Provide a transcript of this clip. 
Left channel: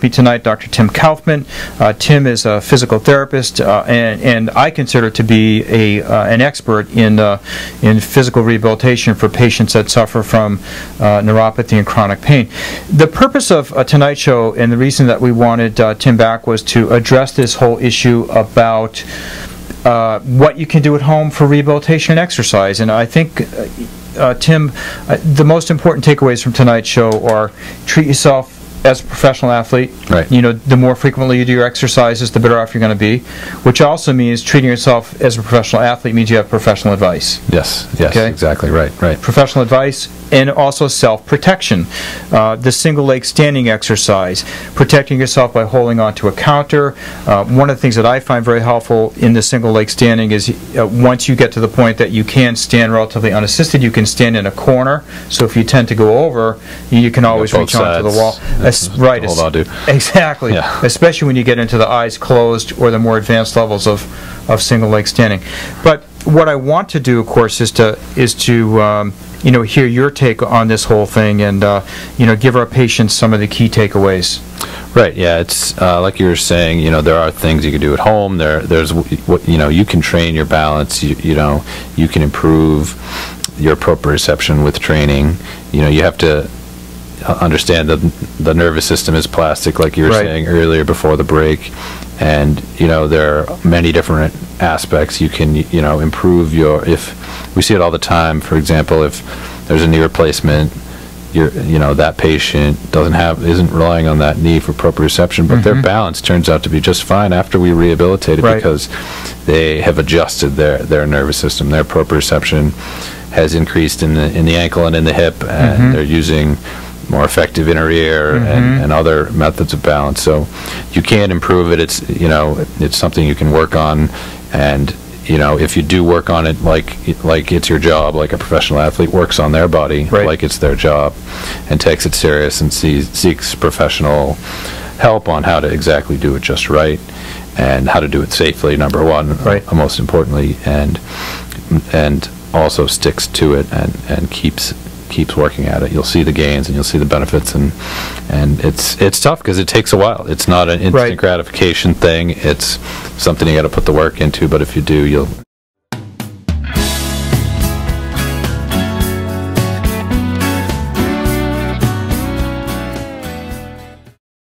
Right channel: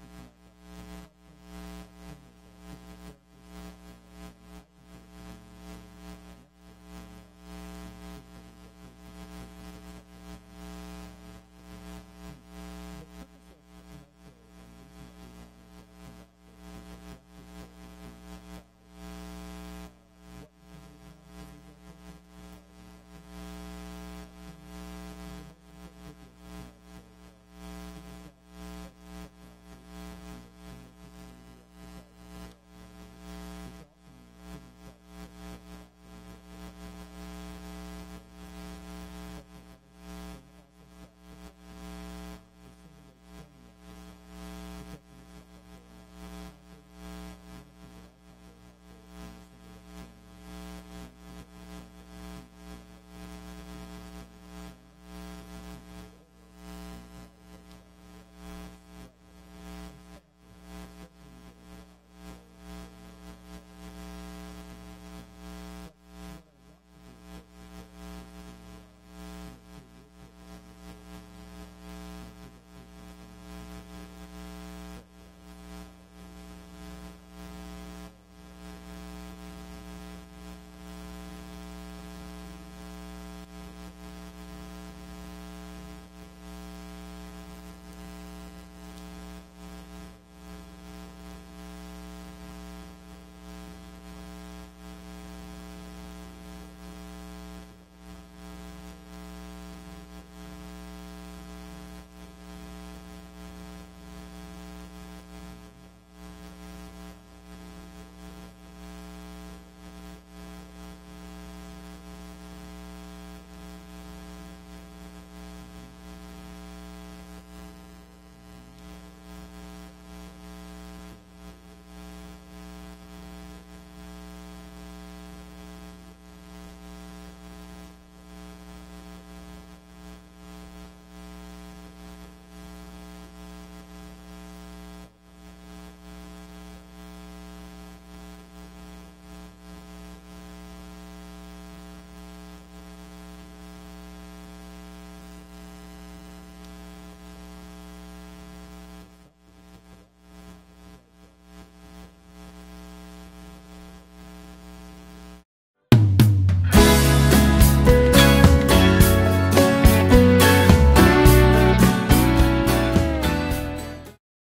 with me tonight Dr. Tim Kaufman. Tim is a physical therapist, and I consider to be an expert in physical rehabilitation for patients that suffer from neuropathy and chronic pain. The purpose of tonight's show, and the reason that we wanted Tim back, was to address this whole issue about what you can do at home for rehabilitation and exercise. And I think, Tim, the most important takeaways from tonight's show are: treat yourself as a professional athlete. Right. You know, the more frequently you do your exercises, the better off you're going to be, which also means treating yourself as a professional athlete means you have professional advice. Yes, okay? Exactly, right. Professional advice, and also self-protection. The single leg standing exercise, protecting yourself by holding onto a counter. One of the things that I find very helpful in the single leg standing is once you get to the point that you can stand relatively unassisted, you can stand in a corner. So if you tend to go over, you can always reach onto the wall. Right. Hold on to. Exactly. Yeah. Especially when you get into the eyes closed or the more advanced levels of single leg standing. But what I want to do, of course, is to hear your take on this whole thing, and give our patients some of the key takeaways. Right. Yeah. It's like you were saying. There are things you can do at home. There's you can train your balance. You can improve your proprioception with training. You have to understand that the nervous system is plastic, like you were saying earlier before the break, and there are many different aspects you can improve your. If we see it all the time, for example, if there's a knee replacement, that patient isn't relying on that knee for proprioception, but their balance turns out to be just fine after we rehabilitate it, because they have adjusted their nervous system. Their proprioception has increased in the ankle and in the hip, and they're using more effective inner ear and other methods of balance. So you can improve it. It's something you can work on, and if you do work on it like it's your job, like a professional athlete works on their body like it's their job, and takes it serious and seeks professional help on how to exactly do it just right, and how to do it safely, number one, most importantly, and also sticks to it and keeps working at it, you'll see the gains and you'll see the benefits, and it's tough because it takes a while. It's not an instant gratification thing. It's something you got to put the work into, but if you do, you'll